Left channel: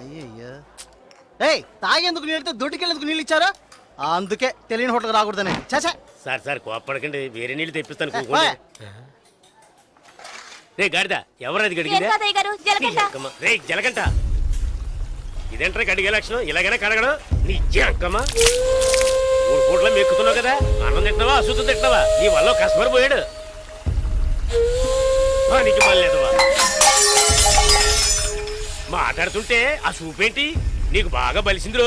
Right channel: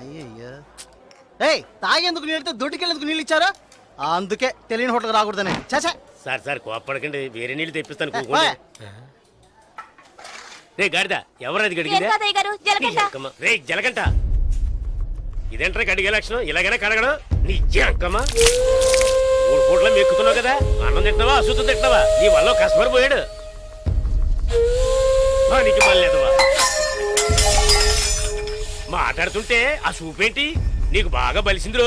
అయ్యయ్యా ఏయ్ తాగేందుకు నీళ్ళతో దొడ్డికెళ్ళేందుకు నీళ్ళు ఇచ్చారా? అందుకే తెలియని హోటల్ రాకూడదని. చాచా సార్ సార్ కోపడకండి, వేరే నీళ్ళు తెప్పిస్తాను. రే గాడిద, ఎవరది గడిగిందా? రే జలకంట, ఇదేంట్రా గడిగే లక్షణం? ఇలాగైనా కడగడం నీ జంకమ్మా. 3 పూట్ల మెక్కుతున్నావు కదా, అన్నం తింటున్నావా అశుద్ధం తింటున్నావా? నీ వల్ల కస్టమర్ పోయాడు. నీకు మళ్ళీదవా మాట్లాడుతుంటే ఆ చూపేంటి? నీకు బాగా బలిసింది రో,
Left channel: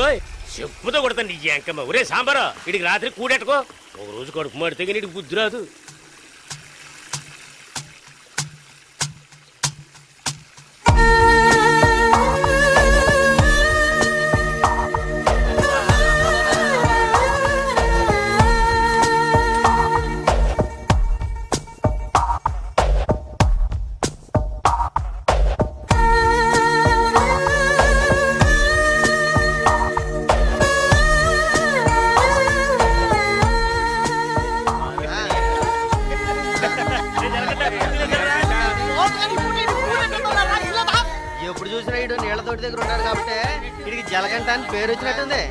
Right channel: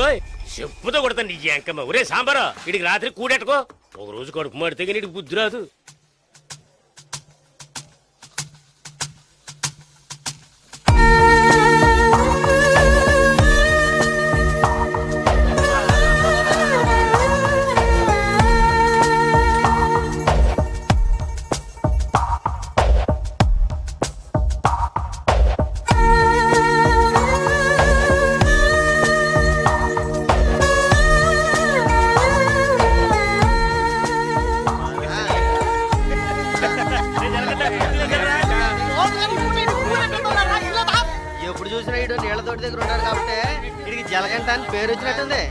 చెప్పుతో కొడతాను నీ జంకమ్మ. ఒరే సాంబారా, వీడికి రాత్రి కూడెట్టుకో. ఒక రోజు కడుపు మాడితే కానీ నీకు బుద్ధి రాదు. ఎప్పుడు చూసినా ఇడు నీళ్ల తోటి దగ్గర ఉన్నాడు కాబట్టి ఇడికి జలకంట అని పేరు వచ్చినట్టుంది.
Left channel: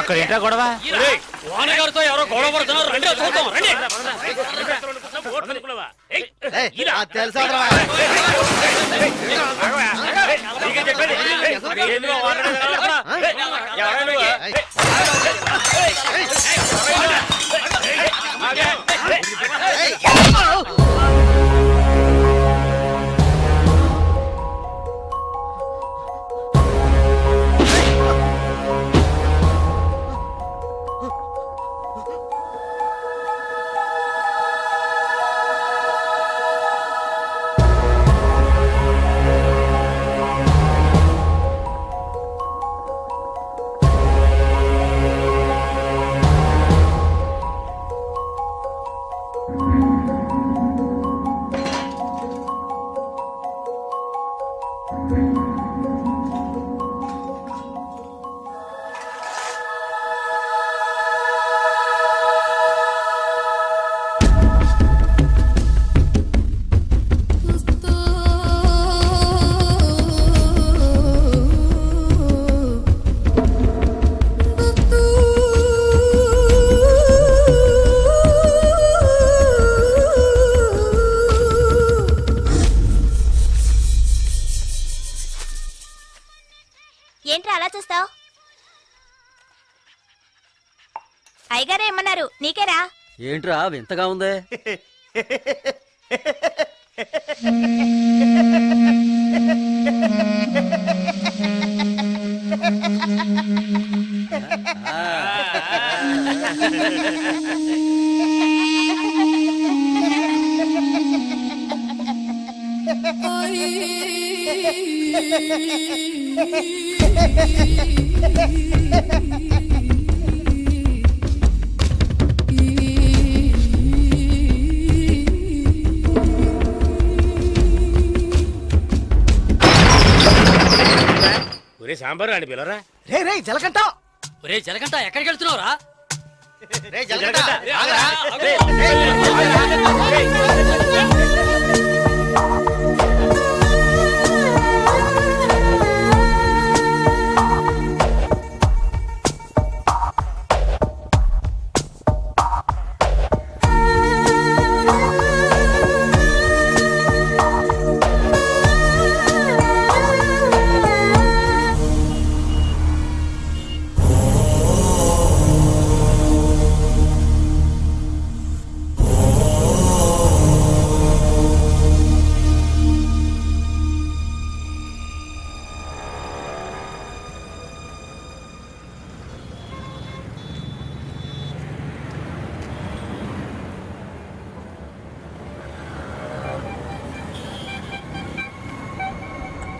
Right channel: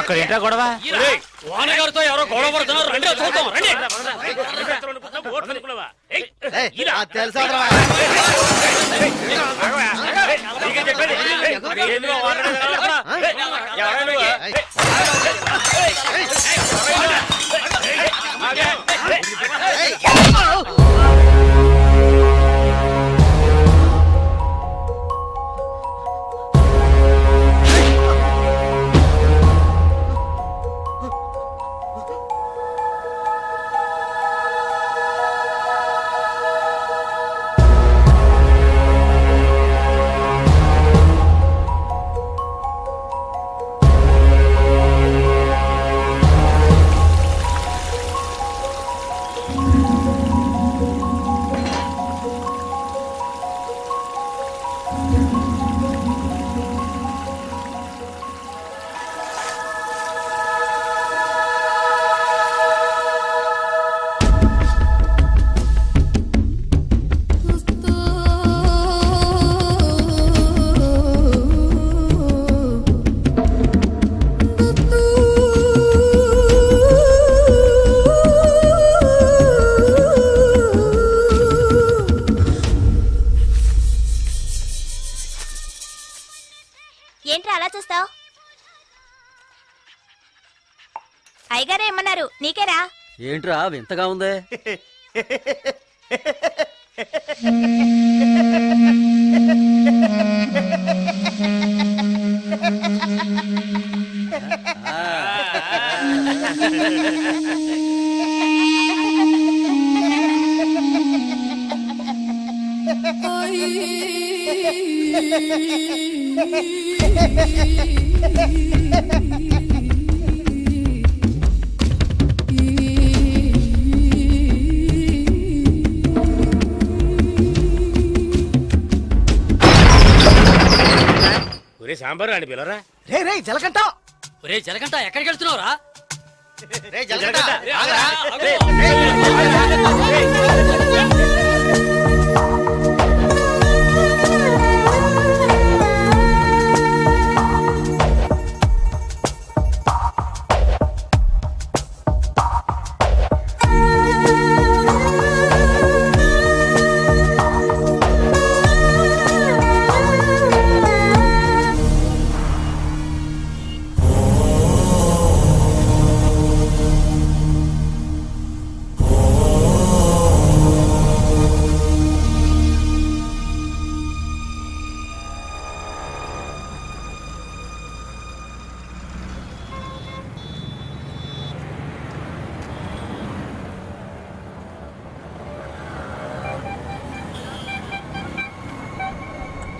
అక్కడ ఏంటా గొడవ? ఓనగారితో ఎవరో గొడవ పడుతున్నారు. రండి చూద్దాం. రండి. తెలుసా ఏంట్రా అలా చూస్తావు? అయ్యగారే ఏమన్నారు? నీకేరా? ఏంట్రా వింతగా ఉందే? ఒరే సాంబారు అని పిలవరా. రే రే జలకంట, ఒరే జలకంట ఎక్కడికి వెళ్తున్నావురా? రే జలకంట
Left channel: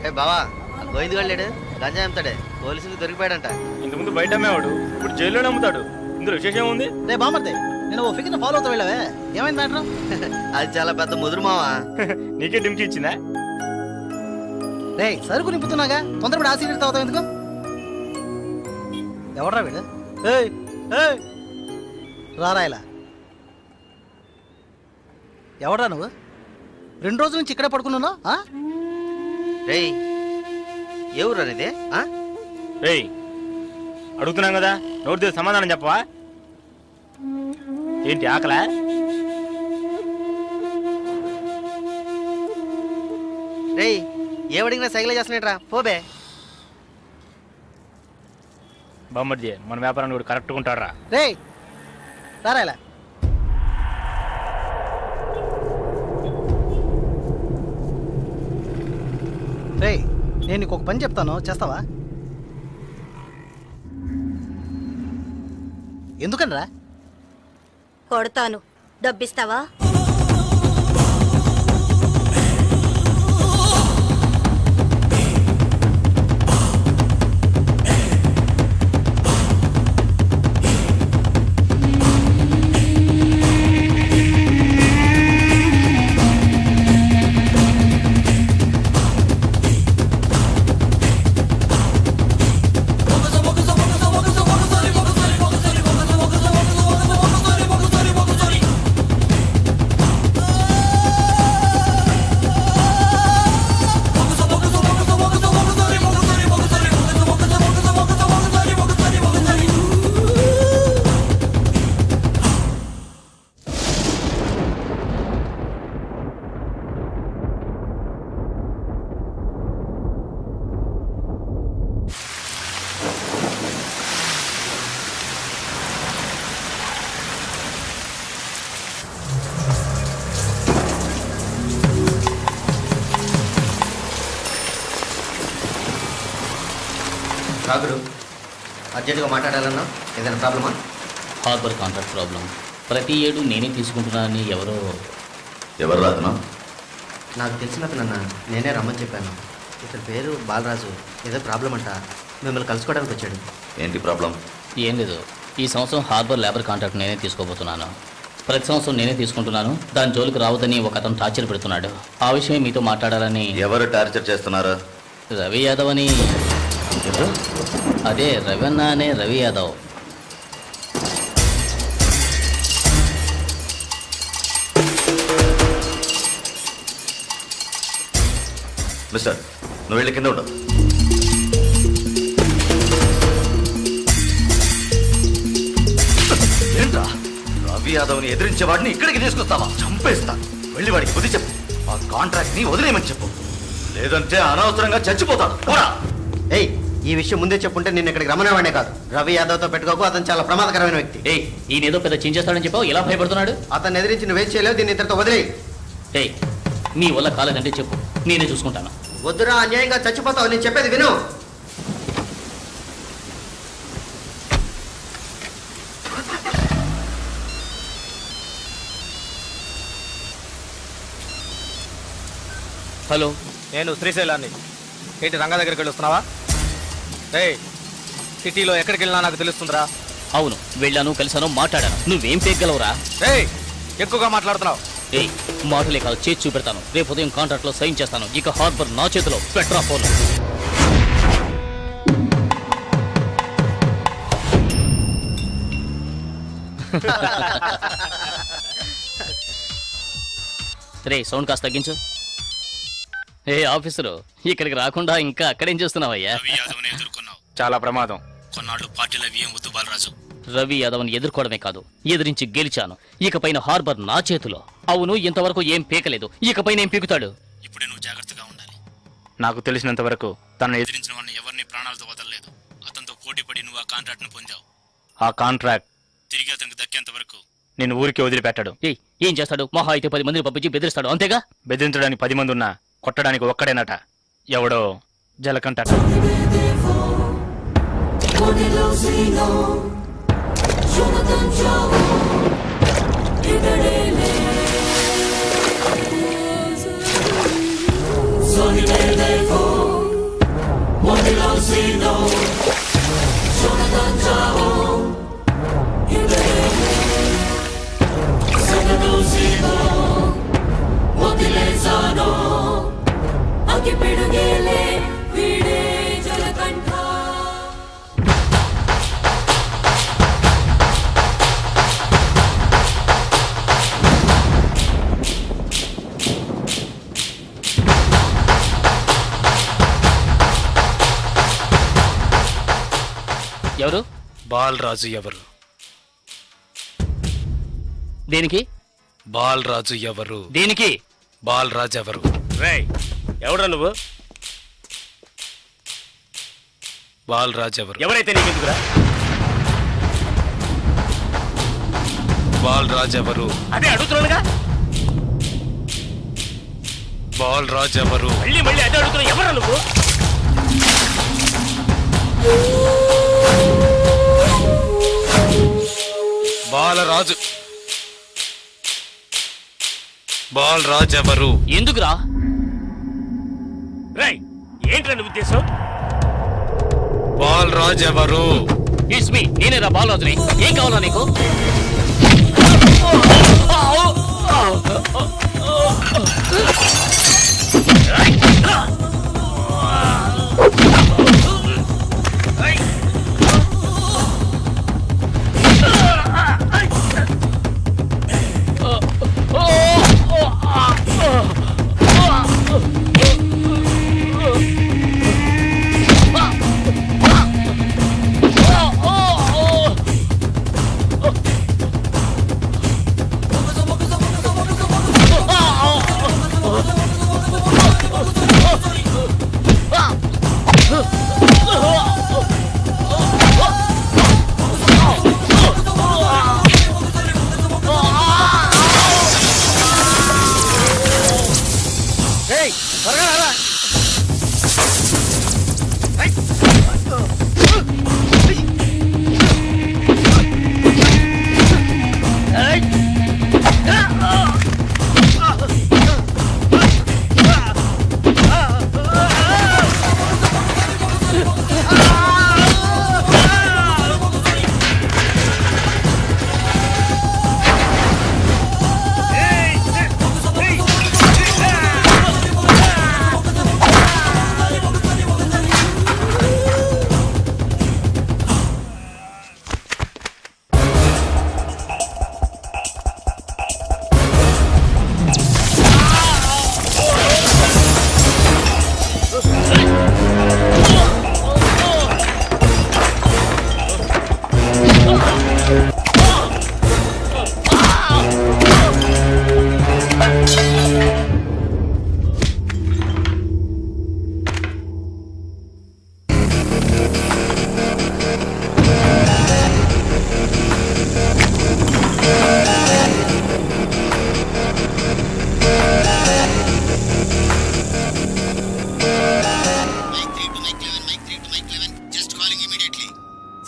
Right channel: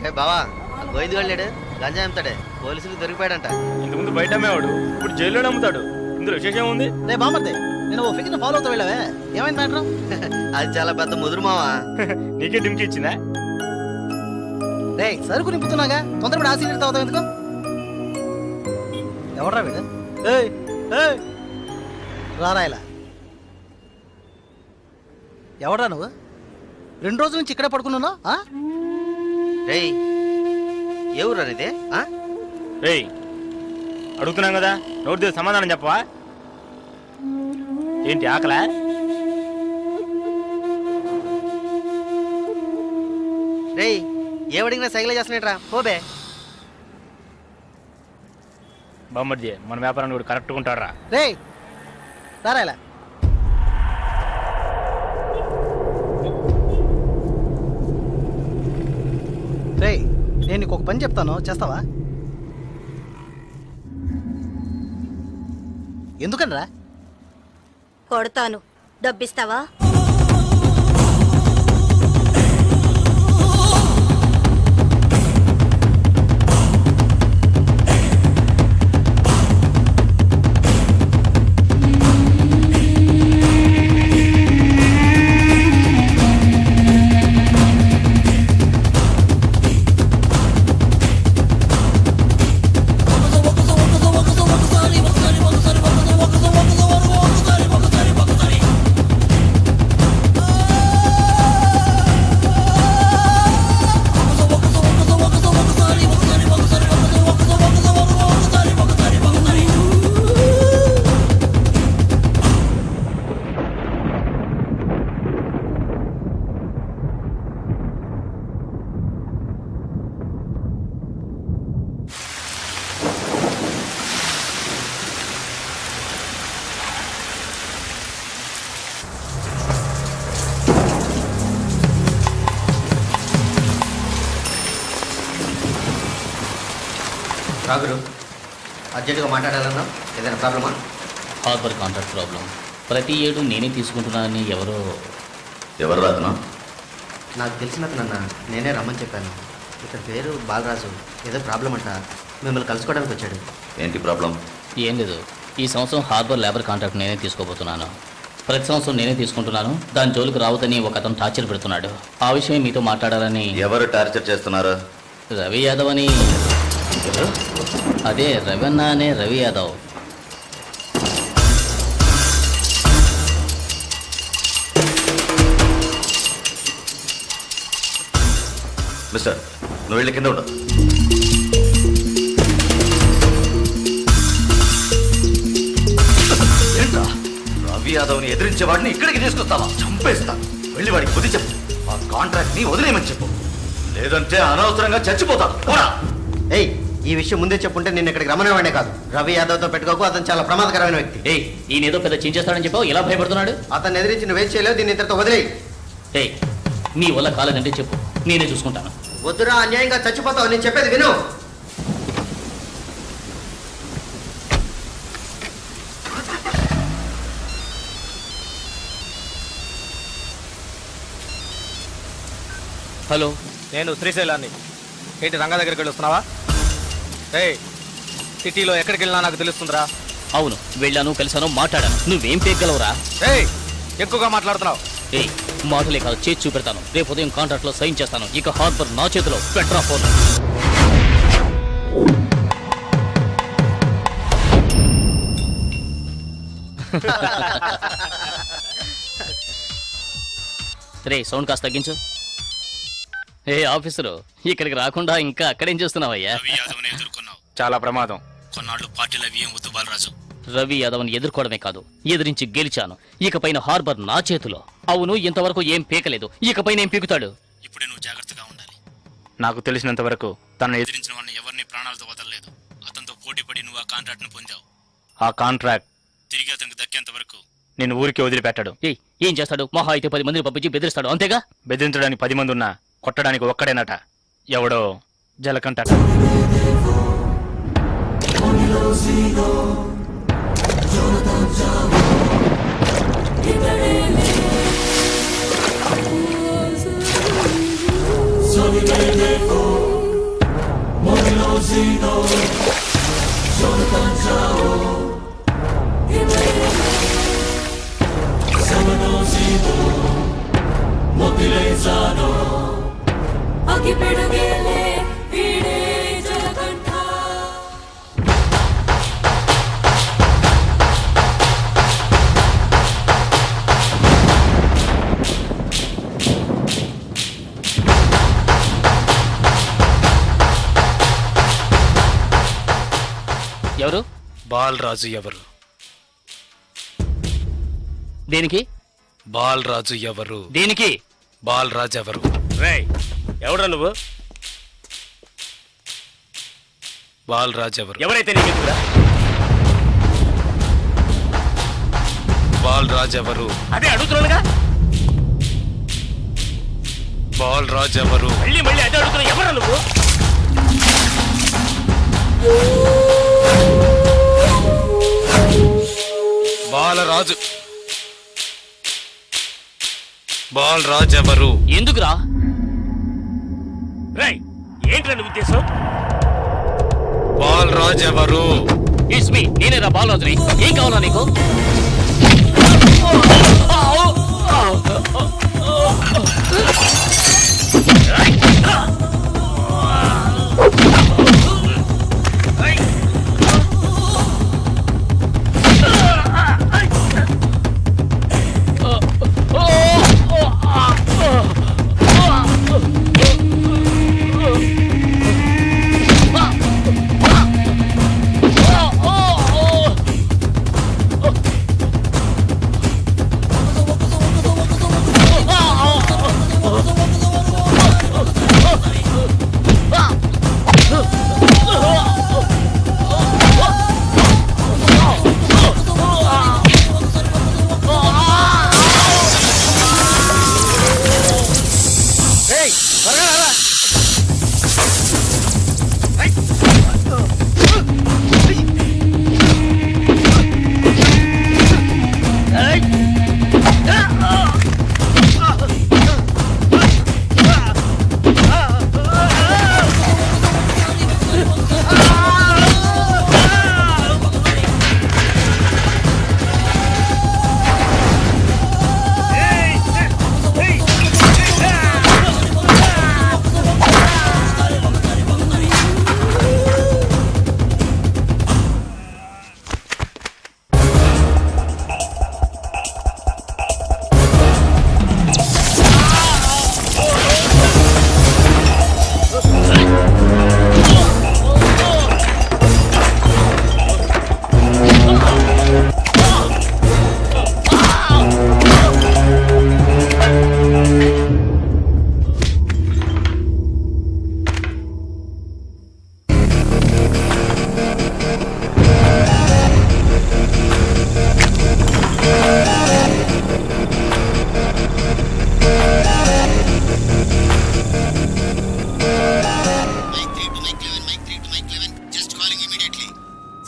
రే బావా, ఆ గోవింద్ గారు గంజా అమ్ముతాడే, పోలీసులకు దొరికిపోయాడంట. ఇంతకుముందు బయట అమ్మేవాడు, ఇప్పుడు జైల్లోనే అమ్ముతాడు. ఇందులో విశేషం ఉంది? రే బామర్దే, నేను ఓ ఫిగర్ ఫాలో అవుతా వెళ్ళావే, ఏమైంది మ్యాటర్? అది చాలా పెద్ద ముదురు మావా. నీకే డిమ్కి ఇచ్చిందా? రే సరుకు నింపుతున్నాగా, తొందరపడి ఆ సీనియర్ తాగుతావు ఎందుకు? ఎవడ్రా వీడు? ఏయ్ ఏయ్ రారా ఇలా. ఎవడ్రా నువ్వు? 2 రోజుల నుంచి ఇక్కడే పడుకున్నావు? రేయ్ ఏ ఊరు అనేది? రేయ్ అడుగుతున్నాం కదా, నోటి దగ్గర సమాధానం చెప్పవా? ఏంటి ఆకలా? రేయ్ ఏమడిగినా సైకిల్ చేస్తున్నట్రా, పోబే. బామ్మర్ది మన వ్యాపారాన్ని కూడా కరెక్ట్గా ఉంటాడు. రే రారా ఇలా. రే నేను నీకు ఒక పని చెప్తాను, చేస్తావా? ఎందుకనరా? కొడతాను, డబ్బిస్తావా? రాగురు అర్జెంటుగా మాట్లాడాలన్నావు, ఏదైనా ప్రాబ్లమా? Harbour contract problem. ప్రతి ఏడు నేనే తీసుకుంటున్నానని ఎవరు రాతను? నాకు తెలిసిన అతనన్న, నేనే రమ్మని చెప్పాను. ఇతని పేరు బాలరాజు. ఏదో ప్రాబ్లం అంట, మిమ్మల్ని కలుసుకోవడానికి వచ్చాడు. ఏంటి ప్రాబ్లం? ఏం లేదు, ఈ సంవత్సరం హార్బర్ లేబర్ కాంట్రాక్ట్ నేనే తీసుకోబోతున్నాను. ప్రతి సంవత్సరం నేనే తీసుకుంటున్నాను. దాని జోలికి రావద్దని ఒక అతను టార్చర్ పెడుతున్నాడు. ఆ విషయం మీతో మాట్లాడాలని. ఎవరు టార్చర్ చేస్తున్నారు? రవి యాదవ్ అని. ఎవరు? అదే రవణ అనే రవి యాదవ్. మిస్టర్, నువ్వు వెళ్ళి కింద ఉండవు. ఏంట్రా, రవి యాదవ్ని ఎదిరించేవాడిని ఇక్కడికి తీసుకొస్తావా? చంపేస్తాను. వెళ్ళి వాడికి బుద్ధి చెప్పు. ఆ కాంట్రాక్ట్ ని వదిలేయమని చెప్పు, లేదంటే అనవసరంగా చచ్చిపోతాడు. పోరా. ఏయ్ ఈ విషయం ముందే చెప్పుంటే నేను ఇక్కడికి రమ్మనేవాడే కాదు. రవి యాదవ్తో పెట్టుకోకు, అతను చాలా ప్రమాదకరమైన వ్యక్తి. ఏయ్ ఈయనేదో పెద్ద చించేస్తాడని చెప్పావు, ఎలా భయపడుతున్నాడు? అతను ఎదిరించి నువ్వేం చేయలేవు, దీన్ని ఇతరుతో వదిలేయి. ఏయ్ నీ వల్ల కాలేదంటే చెప్పు, నేనే చూసుకుంటాను. వద్దురా, అన్యాయంగా చచ్చిపోతావు. నేను చెప్పేది విను. హలో, నేను శ్రీశైలాన్ని. ఏంటి రంగా దగ్గరికి వెళ్ళి వస్తున్నావా? సిటీలో ఎక్కడికి వెళ్ళినా నాకు తెలుస్తుందిరా. అవును వెళ్ళాను, కలిసాను, మాట్లాడాను. నువ్వేం పేగలవురా? ఎక్కువగా మాట్లాడుతున్నావు. మాటలే కాదు, చేసి చూపెడతాను. రేపు ఉదయం కాంట్రాక్ట్ లో సైన్ చేస్తాను. ఇక హార్బర్ నా చేతిలో. Petra phone. రే సౌండ్ కాస్త తగ్గించు. ఆఫీసరు, ఇక్కడికి రాకుండా ఇంకా అక్కడేం చేస్తున్నావయ్యా? చాలా ప్రమాదం. కొన్నాళ్ళు పార్టీలు అవి ఏం వద్దు బాలరాజు. రవి యాదవ్ని ఎదుర్కోవడమే కాదు, ఎదిరించి గెలిచాను. ఇకపైన హార్బర్ నా చేతిలో. అవును, ఇంతవరకు ఏం పీకలేదు, ఇకపైన ఏం పీకుతాడు? ఇప్పుడే నువ్వు జాగ్రత్తగా ఉండాలి. నాకు తెలిసినంత వరకు తనను ఎదిరించిన వాడిని ఎవరిని ప్రాణాలతో వదలలేదు. అతనితో పోటీ పడి నువ్వు ఆ కాంట్రాక్ట్ ను పొందావు. ఆ కాంట్రాక్ట్ తిరిగి అతనికి దక్కేంత వరకు నేను ఊరికి వదిలిపెట్టాడు. ఏం చేస్తాడు? మహా అయితే 10 మందిని పంపించి బెదిరిస్తాడు, అంతేగా? బెదిరించడానికి 10 మంది ఉన్నా కొట్టడానికి ఒక్కడేనట. ఎవడో జలకంటట. ఎవరు? బాలరాజు ఎవరు? దేనికి? బాలరాజు ఎవరు? దేనికి? బాలరాజు ఎవరు? రేయ్ ఎవడ్రా నువ్వు? బాలరాజు ఎవరు? ఎవరైతే నీకెందుకురా? బాలరాజు ఎవరు? అదే అడుగుతున్నానుగా. బాలరాజు ఎవరు? మళ్ళీ మళ్ళీ అదే అడుగుతున్నా. ఎవరా నువ్వు? బాలరాజు. బాలరాజు ఎవరు? ఎందుకురా? రేయ్ ఏంట్రా నీ ఉద్దేశం? బాలరాజు ఎవరు? ఇట్స్ మీ, నేనేరా బాలరాజుని. ఏం కావాలా నీకు?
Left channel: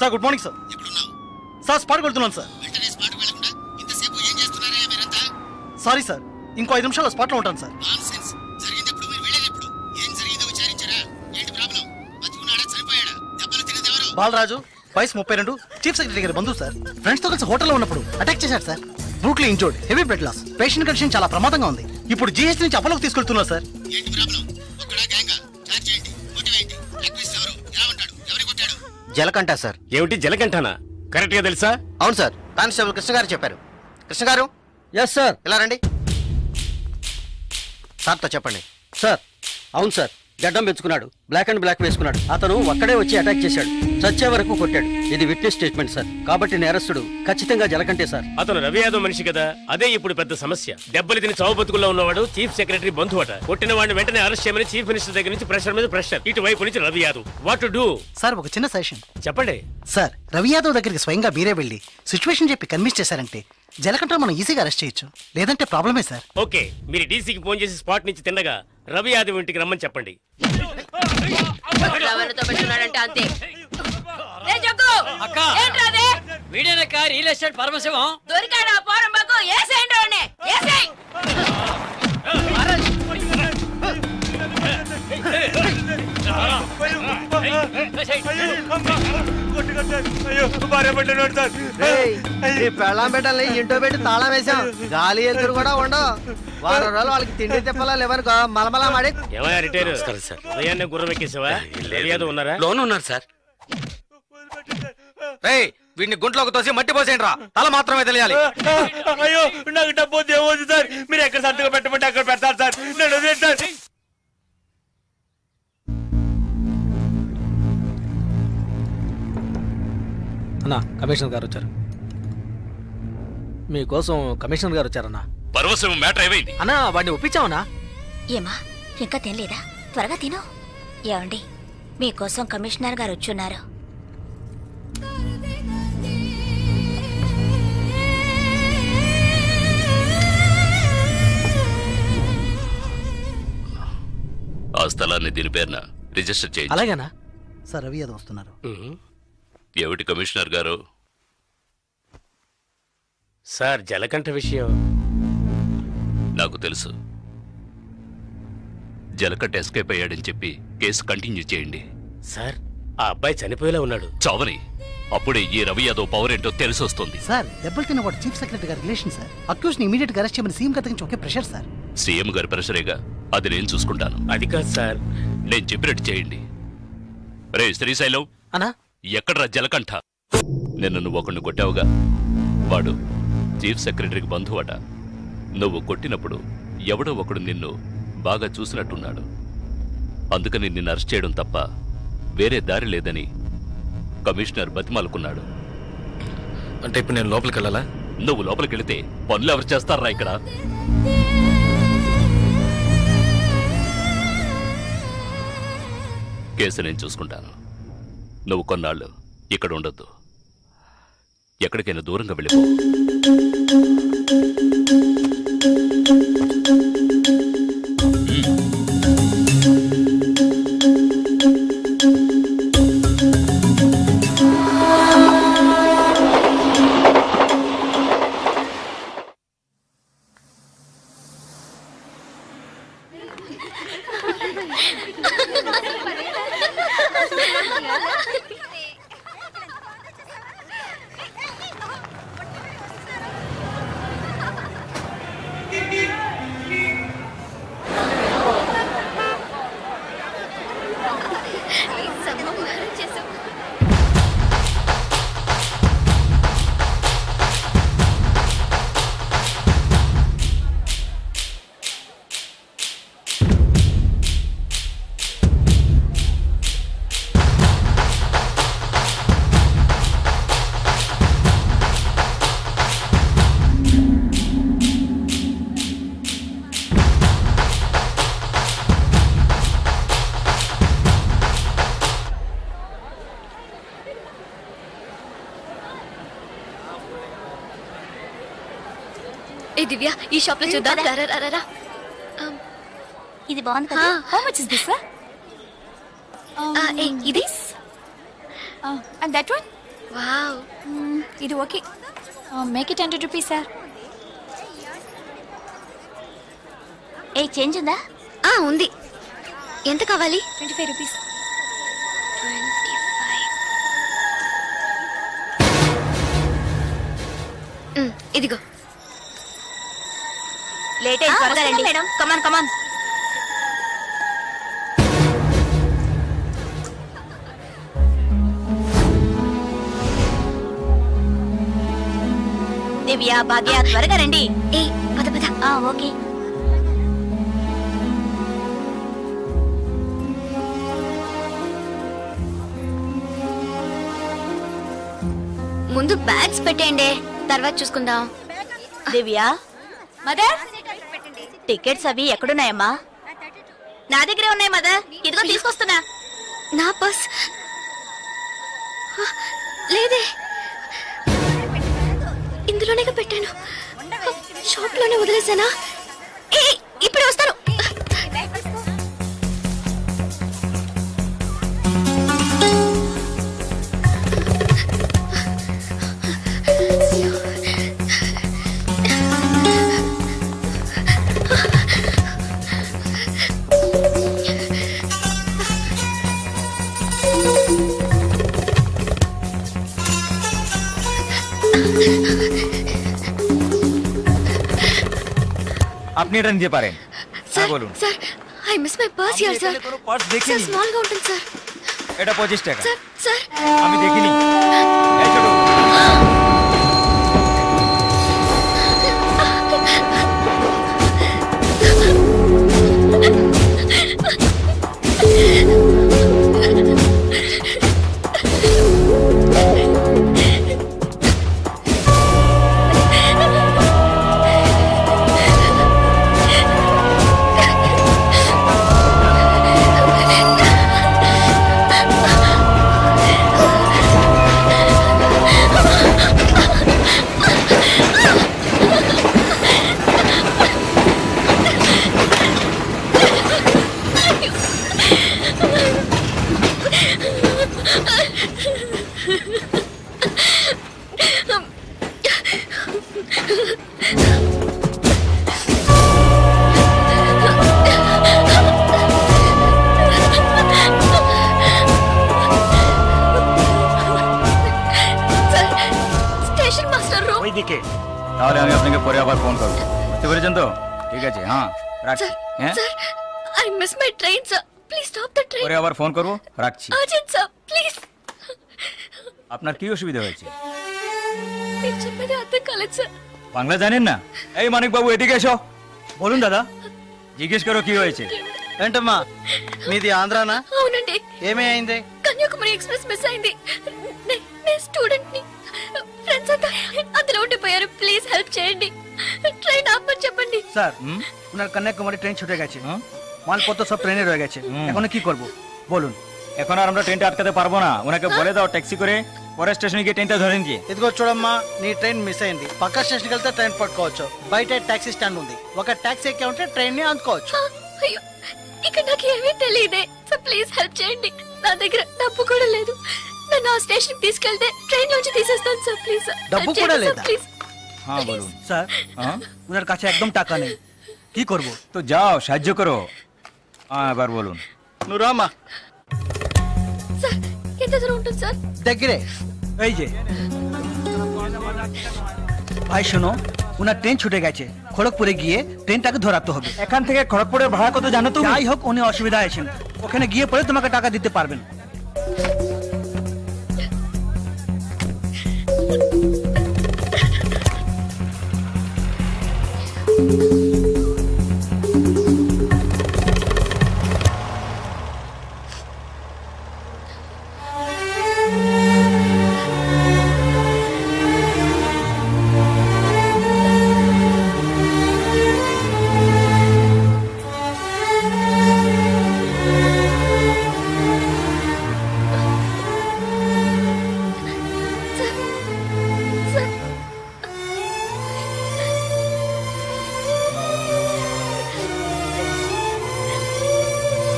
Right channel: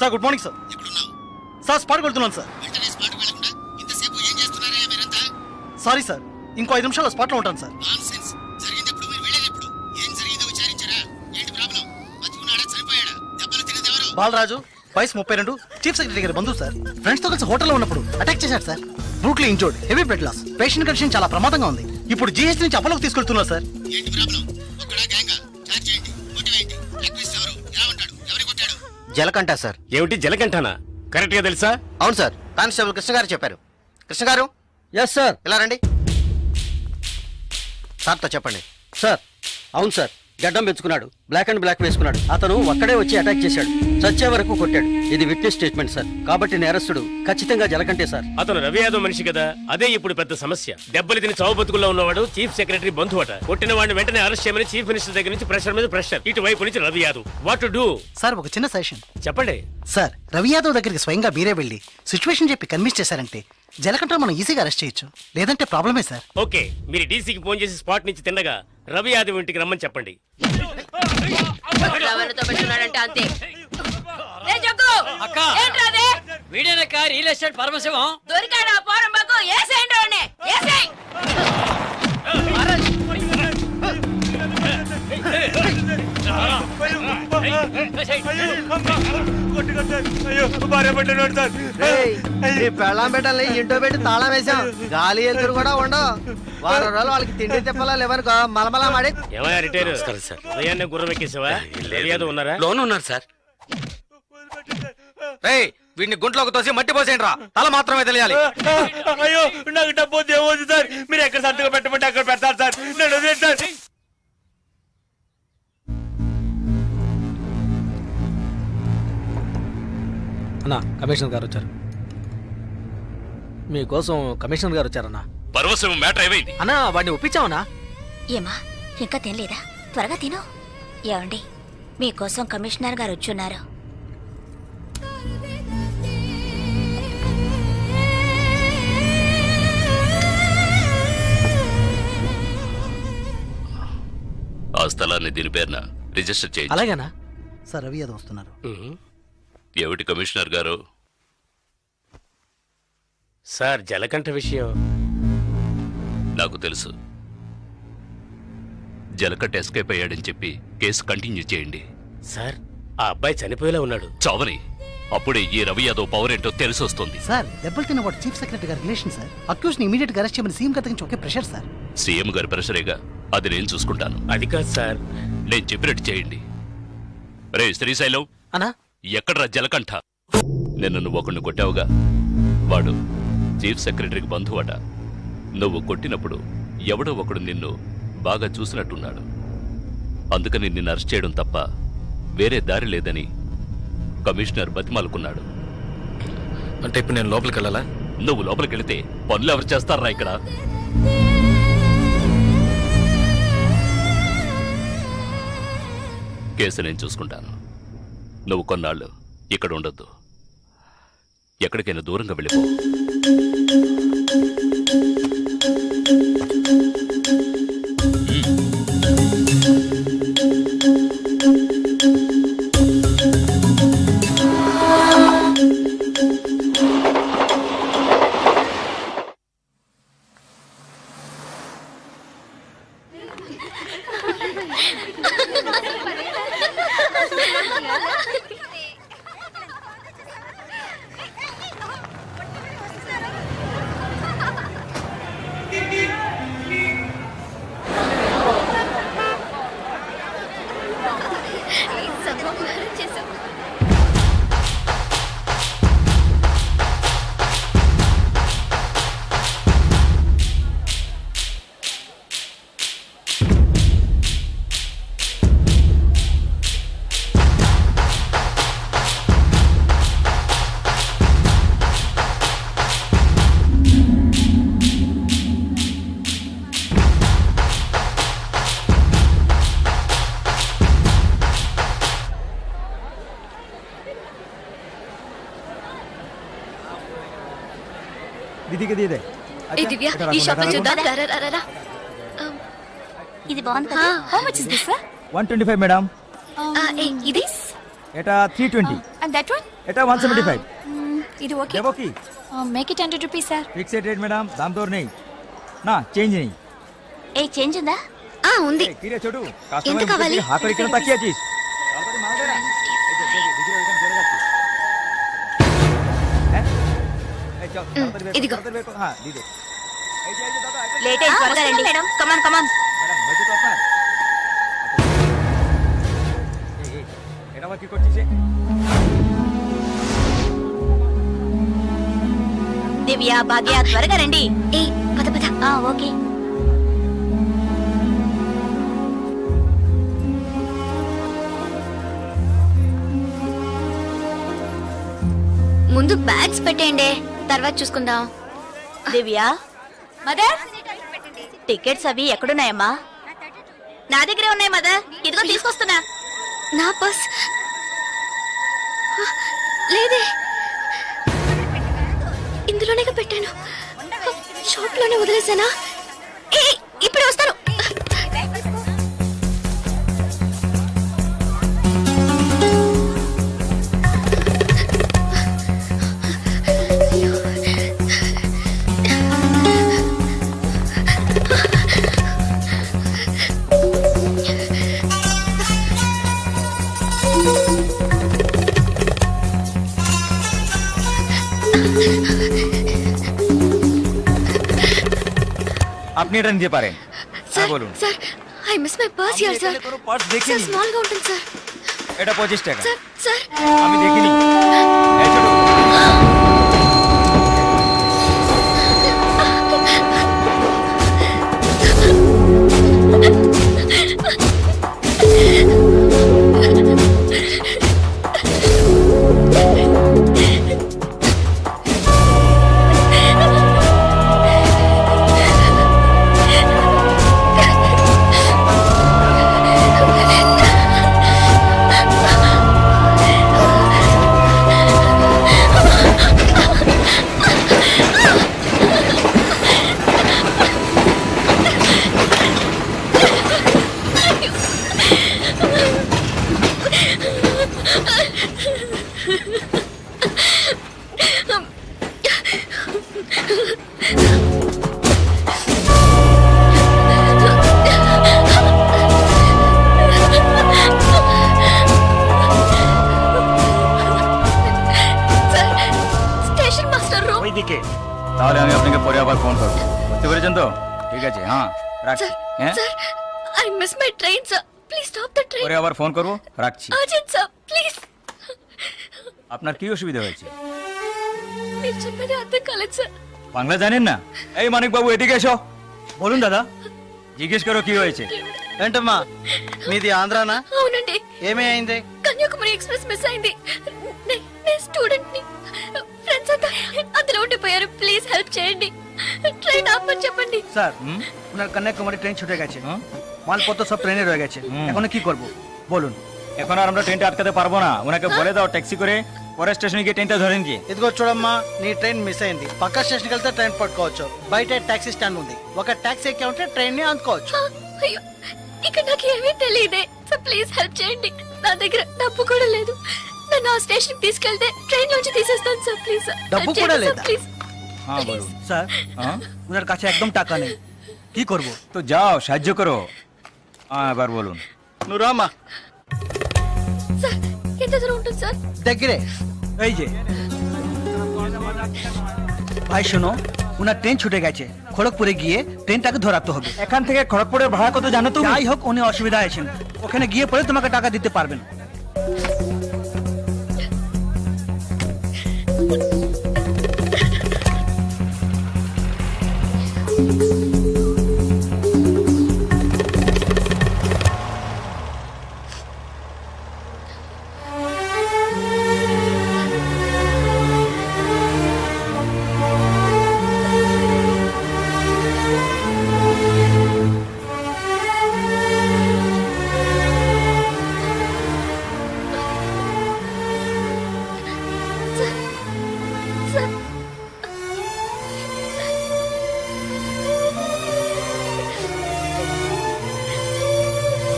Sir good morning sir. Sir స్పాట్కి వెళ్తున్నాను సార్. సారీ సార్, ఇంకో 5 నిమిషాల్లో స్పాట్లో ఉంటాను సార్. బాలరాజు వయసు 32, చీఫ్ సెక్రటరీ గారి బంధువు సార్. ఫ్రెండ్స్ తో కలిసి హోటల్లో ఉన్నప్పుడు అటాక్ చేశారు sir. Brutally injured, heavy blood loss. Patient condition చాలా ప్రమాదంగా ఉంది. ఇప్పుడు జీహెచ్ నుంచి అపోలోకి తీసుకెళ్తున్నారు సార్. జలకంఠ సార్. ఏమిటి జలకంఠనా? కరెక్ట్ గా తెలుసా? అవును సార్, కానిస్టేబుల్ కృష్ణ గారు చెప్పారు. కృష్ణ గారు. Yes sir. ఇలా రండి. సార్తో చెప్పండి. సార్ అవును సార్, గడ్డం పెంచుకున్నాడు, బ్లాక్ అండ్ బ్లాక్ వేసుకున్నాడు. అతను ఒక్కడే వచ్చి అటాక్ చేశాడు, చచ్చే వరకు కొట్టాడు. ఇది విట్నెస్ స్టేట్మెంట్ సార్, కాబట్టి నేరస్తుడు ఖచ్చితంగా జలకంటే సార్. అతను రవి యాదవ్ మనిషి కదా, అదే ఇప్పుడు పెద్ద సమస్య. దెబ్బలు తిని చావు బతుకుల్లో ఉన్నవాడు చీఫ్ సెక్రటరీ బంధువు అట. కొట్టిన వాడిని వెంటనే అరెస్ట్ చేయమని చీఫ్ మినిస్టర్ దగ్గర నుంచి ప్రెషర్ మీద ప్రెషర్. ఇటువైపు నుంచి Ravi Yadav. What to do? Sir ఒక చిన్న సజెషన్ చెప్పండి. సార్ రవి యాదవ్ దగ్గరికి స్వయంగా మీరే వెళ్ళి సిచ్యువేషన్ చెప్పి కన్విన్స్ చేశారంటే జలకంఠ మనం ఈజీగా అరెస్ట్ చేయొచ్చు, లేదంటే ప్రాబ్లమే సార్. ఓకే, మీరు డీసీకి ఫోన్ చేసి స్పాట్ నుంచి తిన్నగా రవి యాదవ్ ఇంటికి రమ్మని చెప్పండి. అంతే. వీడేనక్క రియల్ ఎస్టేట్ పరమశివం. దొరికాడా పోరంబాకు? ఏసేయండి వాడిని, ఏసేయ్. పెళ్ళాం పెట్టాలి ఇంటో పెట్టి తాళం వేసాం. గాలి ఎదురు కూడా ఉండవు. వారం రోజులు వాళ్ళకి తిండి తిప్పలా లేవనుకో మలమలా మాడి. ఉదయాన్నే గుర్రం ఎక్కేసావా? ఉన్నారా? లోన్ ఉన్నారు సార్. వీడిని గుంట్లోకి తోసి మట్టి పోసేయండి రా. తల మాత్రమే తెలియాలి. అయ్యో నాకు డబ్బు ఏమవుతుంది సార్? మీరు ఎక్కడ సంతకం పెట్టమంటే అక్కడ పెడతారు సార్. నేను వదిలేండి. అన్నా కమిషనర్ గారు వచ్చారు. మీకోసం కమిషనర్ గారు వచ్చారన్నా. పర్వసం మ్యాటర్ ఏమైంది అన్నా? వాడిని ఒప్పించావన్నా? ఏమా ఇంకా తినలేదా? త్వరగా తిను. ఏమండి మీకోసం కమిషనర్ గారు వచ్చున్నారు. ఆ స్థలాన్ని దీని పేరున రిజిస్టర్ చేయండి. అలాగేనా సార్? రవి యాదవ్ వస్తున్నారు. ఏమిటి కమిషనర్ గారు? సార్ జలకంఠ విషయం నాకు తెలుసు. జలకంఠ ఎస్కేప్ అయ్యాడని చెప్పి కేసు కంటిన్యూ చేయండి. సార్ ఆ అబ్బాయి చనిపోయేలా ఉన్నాడు. చావని అప్పుడే ఈ రవి యాదవ్ పవర్ ఏంటో తెలిసి వస్తుంది. సార్ దెబ్బలు తిన్నవాడు చీఫ్ సెక్రటరీ గారి రిలేషన్ సార్. అక్యూజ్ ని ఇమీడియట్ గా అరెస్ట్ చేయమని సీఎం గారి నుంచి ఒకే ప్రెషర్ సార్. సీఎం గారి ప్రెషరేగా, అది నేను చూసుకుంటాను. అది కాదు సార్, నేను చెప్పినట్టు చేయండి. రే శ్రీశైలం అన్నా, ఎక్కడ్రా జలకంఠ? నిన్న నువ్వు ఒకడిని కొట్టావుగా, వాడు చీఫ్ సెక్రటరీకి బంధువట. నువ్వు కొట్టినప్పుడు ఎవడో ఒకడు నిన్ను బాగా చూసినట్టున్నాడు. అందుకని నిన్ను అరెస్ట్ చేయడం తప్ప వేరే దారి లేదని కమిషనర్ బతిమాలుకున్నాడు. అంటే ఇప్పుడు నేను లోపలికి వెళ్ళాలా? నువ్వు లోపలికి వెళితే పనులు ఎవరు చేస్తారా ఇక్కడ? కేసు నేను చూసుకుంటాను. నువ్వు కొన్నాళ్ళు ఇక్కడ ఉండొద్దు. ఎక్కడికైనా దూరంగా వెళ్ళిపో. దివ్య, ఈ షాప్ లో చూద్దాం. ఇది బాగుంది కదా? How much is this sir? 125 madam. ఇది ఎటా 320. అండ్ దట్ వన్ ఎటా 175. ఇది okay. Make it 100 rupees sir. Fixed rate madam, దామ్ తోర్ नहीं నా చేంజ్ नहीं. ఏ చేంజ్ ఉందా? ఉంది. ఎంత కావాలి? ఇదిగో. లేట్ అయ్యి త్వరగా రండి మేడం. కమాన్ కమాన్. దివ్య, భాగ్య త్వరగా రండి. ఏ పద పద. ఓకే. ముందు బ్యాగ్స్ పెట్టేయండి, తర్వాత చూసుకుందాం. దివ్య, మదర్ టికెట్స్ అవి ఎక్కడున్నాయమ్మా? నా దగ్గరే ఉన్నాయి మదర్. ఇదిగో తీసుకొస్తున్నా. నా పర్స్ లేదే, ఇందులోనే పెట్టాను. షాప్ లోనే వదిలేసానా? ఇప్పుడు వస్తాను. আপনি এটা নিতে পারেন। স্যার বলুন। Sir I miss my purse here sir. কোনো পার্স স্যার দেখিনি। স্মল గా ఉంటుంది স্যার। এটা 25 টাকা। স্যার স্যার আমি দেখিনি। এই ছোট ওইদিকে। তাহলে আমি আপনাকে পরে আবার ফোন করব, বুঝতে পেরেছেন তো? ঠিক আছে, হ্যাঁ রাখছি। হ্যাঁ sir I miss my train sir, please stop the train. পরে আবার ফোন করব, রাখছি। Urgent sir please. আপনার কি অসুবিধা হয়েছে? మీరు చెప్పేది అర్థం కాలేదు సార్. বাংলা জানেন না? এই মানিক বাবু ఎదిగే এসো। বলুন দাদা, জিজ্ঞেস করো কি হয়েছে। ఏంటమ్మా మీది ఆంధ్రానా? అవునండి. ఏమీ అయింది? కన్యాకుమారి ఎక్స్ప్రెస్ మిస్ అయింది. నేను స్టూడెంట్ ని, ఫ్రెండ్స్ అంతా అందులో ఉండిపోయారు. ప్లీజ్ హెల్ప్ చేయండి, ট্রেন আপনি చెప్పండి। স্যার ওনার কন্যাকুমারী ট্রেন ছুটে গেছে, মালপত্র সব ট্রেনে রয়ে গেছে, এখন কি করব বলুন? এখন আর আমরা ট্রেনটা আটকাতে পারবো না, ওনাকে বলে দাও ট্যাক্সি করে পরে స్టేషన్ కి ట్రైన్ ధోరణి కి। ఇదిగో చూడమ్మా, నీ ట్రైన్ మిస్ అయింది. పక్క స్టేషన్కి వెళ్తే ట్రైన్ పట్టుకోవచ్చు, బయట టాక్సీ స్టాండ్ ఉంది, ఒక టాక్సీ ఎక్కి ఉంటే ట్రైన్ ని అందుకోవచ్చు. అయ్యో ఇక్కడ నాకు ఏమీ తెలియదే సార్, ప్లీజ్ హెల్ప్ చేయండి. నా దగ్గర డబ్బు కూడా లేదు, నన్ను ఆ స్టేషన్ కి తీసుకెళ్తే ట్రైన్ నుంచి తీసేస్తాను సార్, ప్లీజ్ సార్। డబ్బు కూడా లేదా? ప్లీజ్। হ্যাঁ বলুন। স্যার ওনার কাছে একদম টাকা নেই, কি করব? তো যাও সাহায্য করো। হ্যাঁ এবার বলুন। నువ్వు రామా। স্যার ఎంత দূর ఉంటుంది স্যার? దగ్గరే। এই যে ভাই শোনো, ওনার ট্রেন ছুটে গেছে, খড়গপুরে গিয়ে ট্রেনটাকে ধরাতে হবে। এখান থেকে খড়গপুরের ভাড়া কত জানো তুমি? যাই হোক, উনি অসুবিধা আছেন, ওখানে গিয়ে পরে তোমাকে টাকা দিতে পারবেন।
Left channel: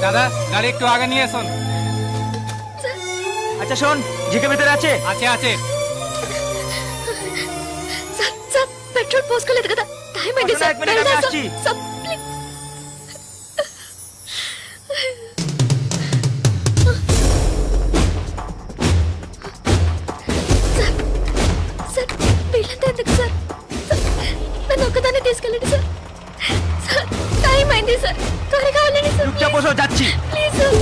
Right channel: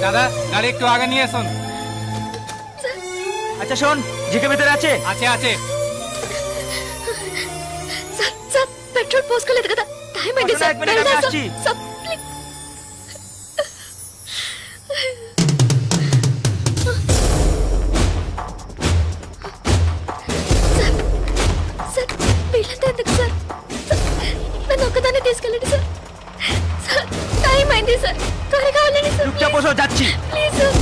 দাদা গাড়ি একটু আগে নিয়ে আসুন। আচ্ছা শোন, জিকে ভিতরে আছে? আছে আছে। సార్ సార్ పెట్రోల్ పోసుకోలేదు కదా, టైం అయింది సార్। আসছি। Sir please. సార్ వీళ్ళంతా ఎందుకు సార్? నన్ను ఒక్కదాన్ని తీసుకెళ్ళండి సార్। సార్ టైం అయింది సార్, త్వరగా వెళ్ళండి సార్। চুপচাপ বসো, যাচ্ছি। Please sir.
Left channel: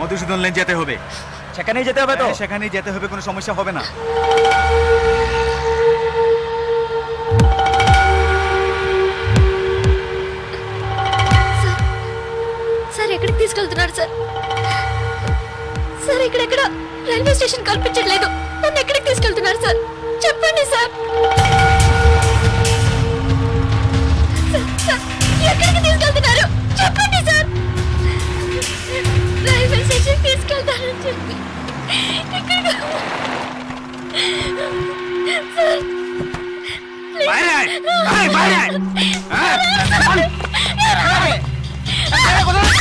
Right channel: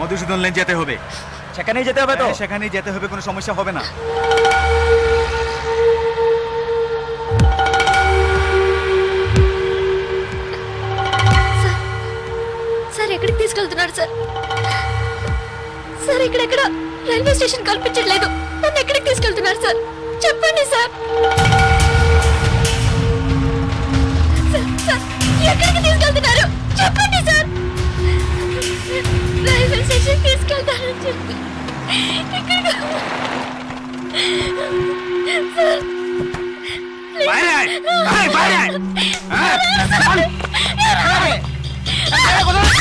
মধুসূদন লেন যেতে হবে। সেখানেই যেতে হবে তো? সেখানেই যেতে হবে, কোনো সমস্যা হবে না। సార్ సార్ ఎక్కడికి తీసుకెళ్తున్నారు సార్? సార్ ఇక్కడెక్కడ రైల్వే స్టేషన్ కనిపించట్లేదు, నన్ను ఎక్కడికి తీసుకెళ్తున్నారు సార్? చెప్పండి సార్। సార్ ఎక్కడికి తీసుకెళ్తున్నారు చెప్పండి సార్। రైల్వే స్టేషన్ తీసుకెళ్తారని చెప్పి ఎక్కడికి సార్? বাইরে বাইরে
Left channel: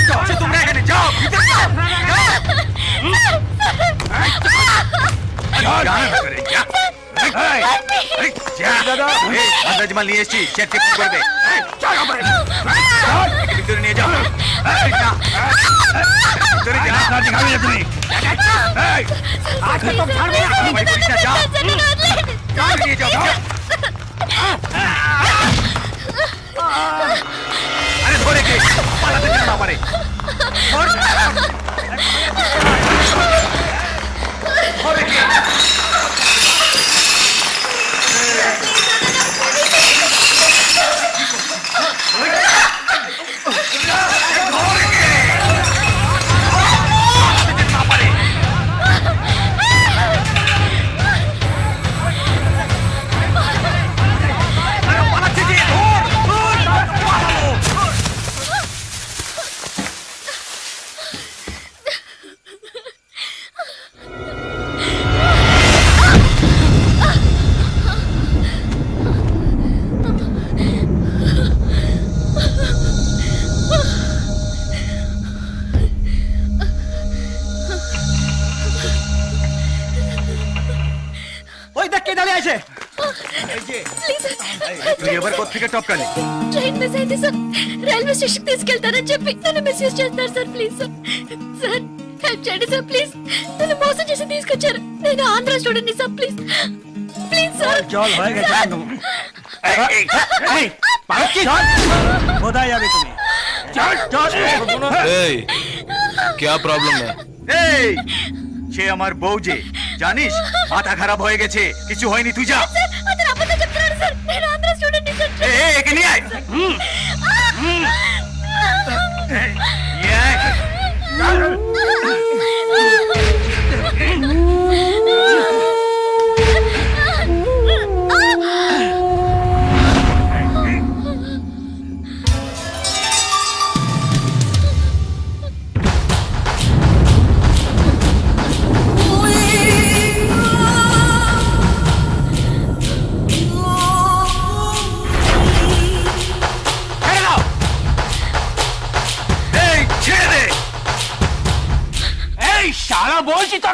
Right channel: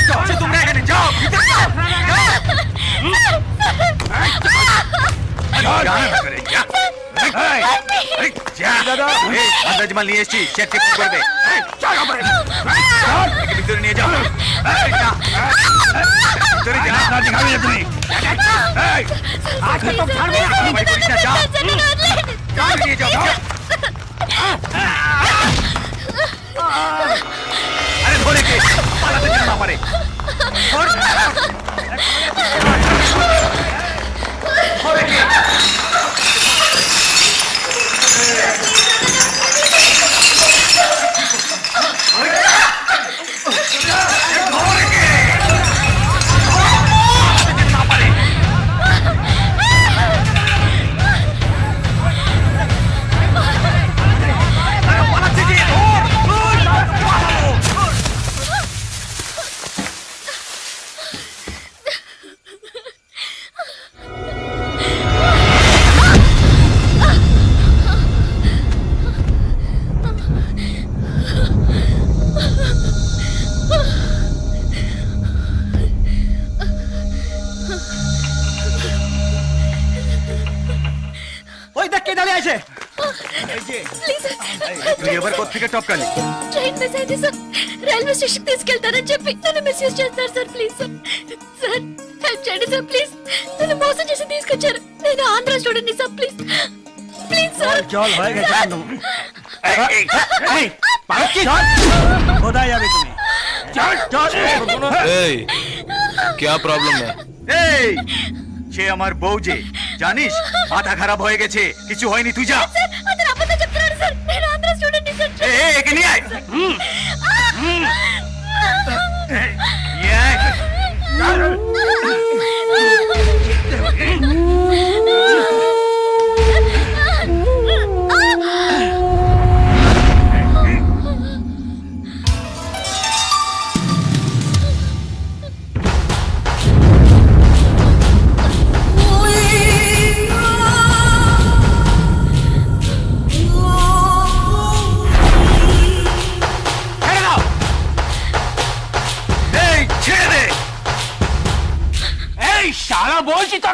तुम रह गए जाओ अंदाजमाल नहीं चेक कर दे नहीं जाओ अरे धोरे के पाला तो चलना पड़े धोरे के ట్రైన్ మిస్ అయింది సార్ రైల్వే స్టేషన్ తీసుకెళ్తానని చెప్పి నన్ను మిస్యూజ్ చేస్తున్నారు sir please sir sir help చేయండి సార్ ప్లీజ్ నన్ను మోసం చేసి తీసుకొచ్చారు నేను Andhra student sir please please sir क्या प्रॉब्लम है সে আমার বউ যে জানিস মাথা খারাপ হয়ে গেছে কিছু হয়নি তুই যা একে নিয়ে আয় शाला बोल सी तो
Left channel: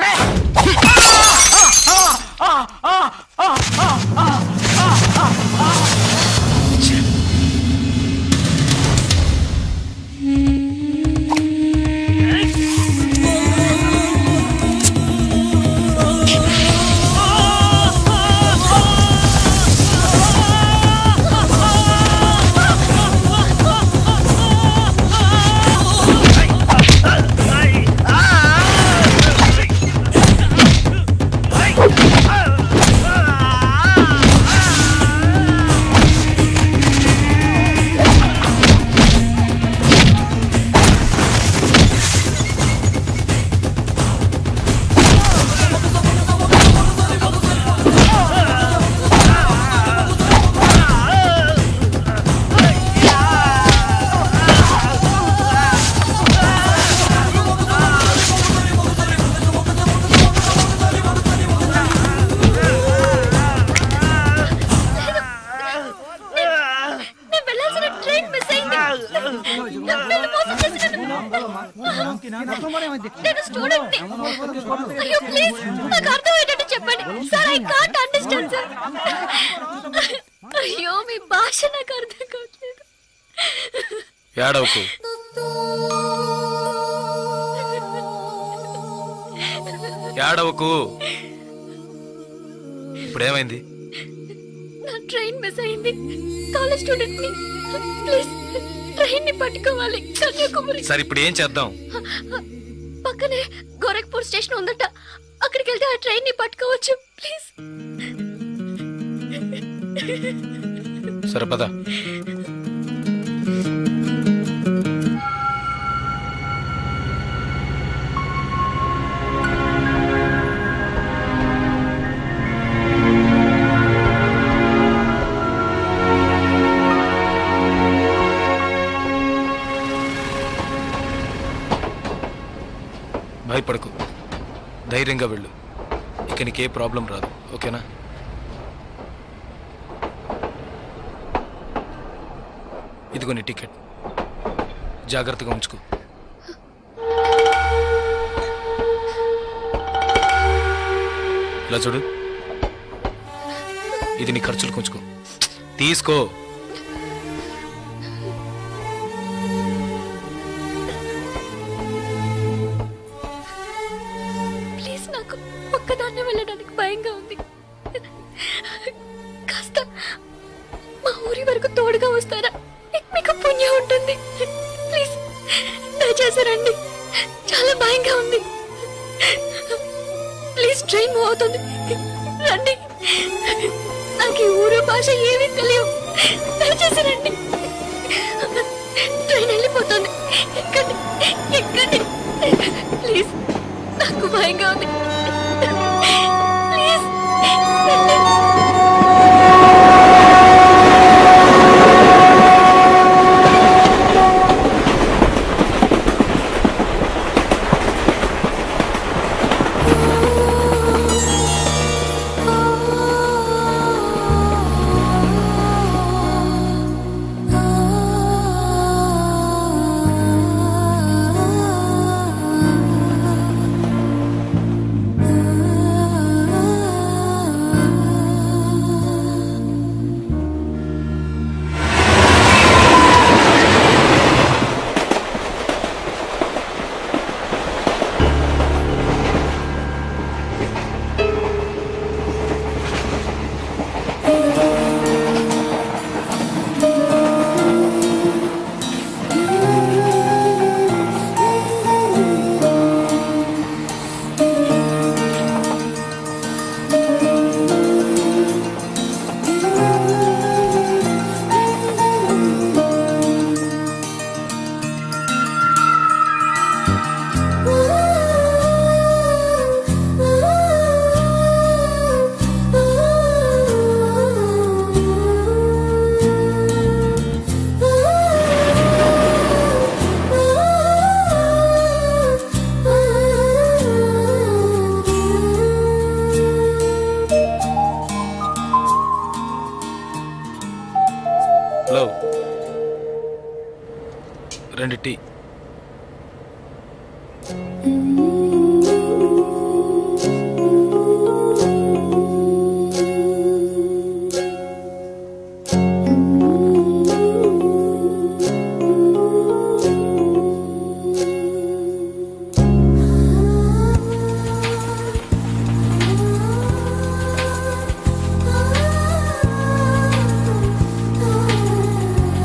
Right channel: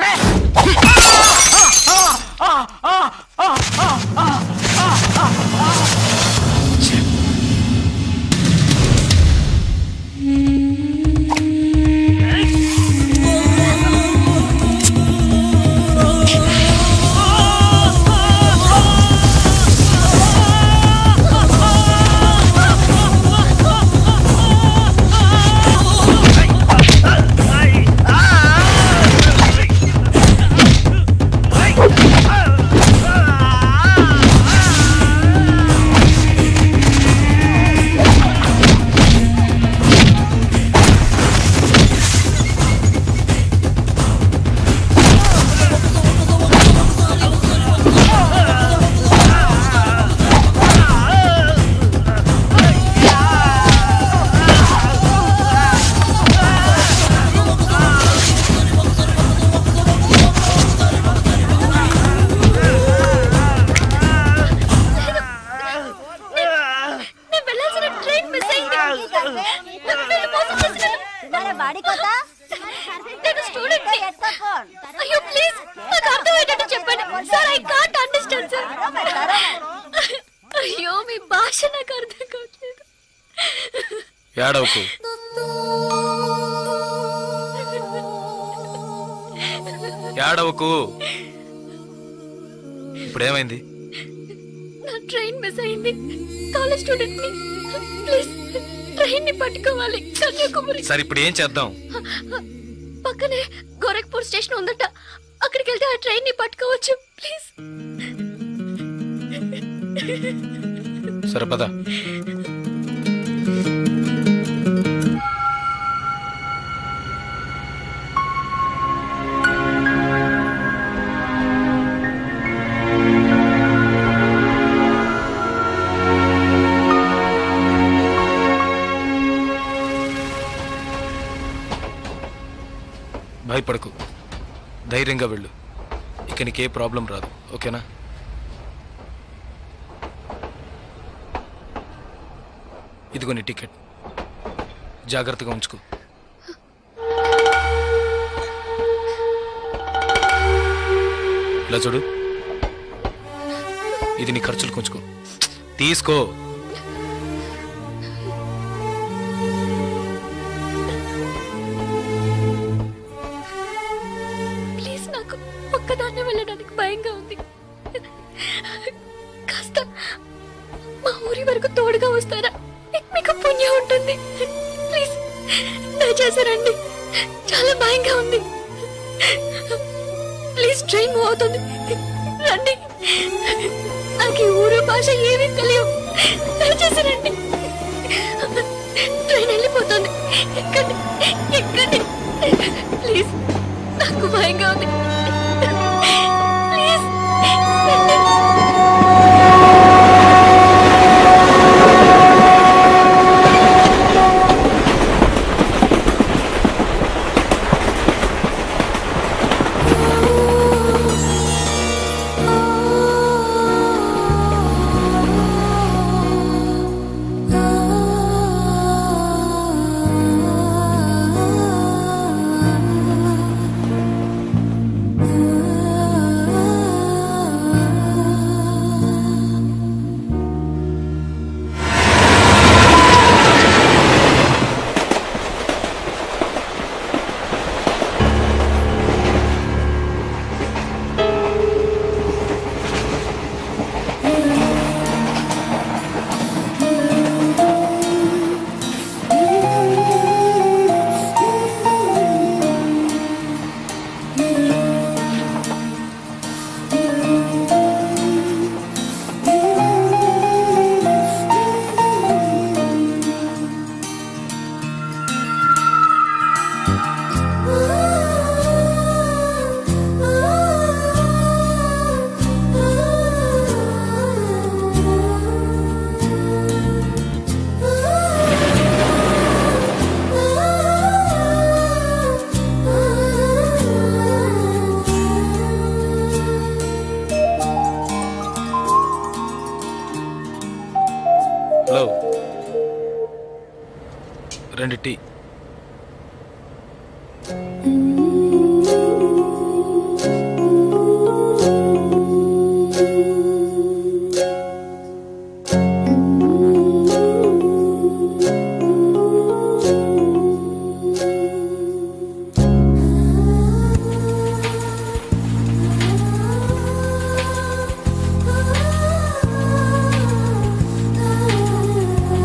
నేను స్టూడెంట్ ని అయ్యో ప్లీజ్ నాకు అర్థమయ్యేటట్టు చెప్పండి sir I can't understand sir అయ్యో మీ భాష నాకు అర్థం కావట్లేదు ఏడవకు ఏడవకు ఇప్పుడేమైంది నా ట్రైన్ మిస్ అయింది కాలేజ్ స్టూడెంట్ ని ప్లీజ్ ట్రైన్ ని పట్టుకోవాలి కన్యాకుమారి సరే ఇప్పుడు ఏం చేద్దాం పక్కనే గోరఖ్పూర్ స్టేషన్ ఉందట అక్కడికి వెళ్తే ఆ ట్రైన్ ని పట్టుకోవచ్చు ప్లీజ్ సరే పద భయపడకు ధైర్యంగా వెళ్ళు ఇక నీకే ప్రాబ్లం రాదు ఓకేనా ఇదిగో నీ టికెట్ జాగ్రత్తగా ఉంచుకో ఇలా చూడు, ఇది నీ ఖర్చులు కొంచుకో, తీసుకో. ప్లీజ్, నాకు ఒక్కదాన్నే వెళ్ళడానికి భయంగా ఉంది. కాస్త మా ఊరి వరకు తోడుగా వస్తారా? మీకు పుణ్యం ఉంటుంది. ప్లీజ్ దయచేసి రండి, చాలా భయంగా ఉంది. ప్లీజ్, ట్రైన్ మూవ్ అవుతుంది, రండి. నాకు ఈ ఊరు భాష ఏమీ తెలియవు, దయచేసి రండి. ట్రైన్ వెళ్ళిపోతుంది, ఎక్కండి ఎక్కండి. ప్లీజ్, నాకు భయంగా ఉంది. ప్లీజ్ రండి. రెండు టీ.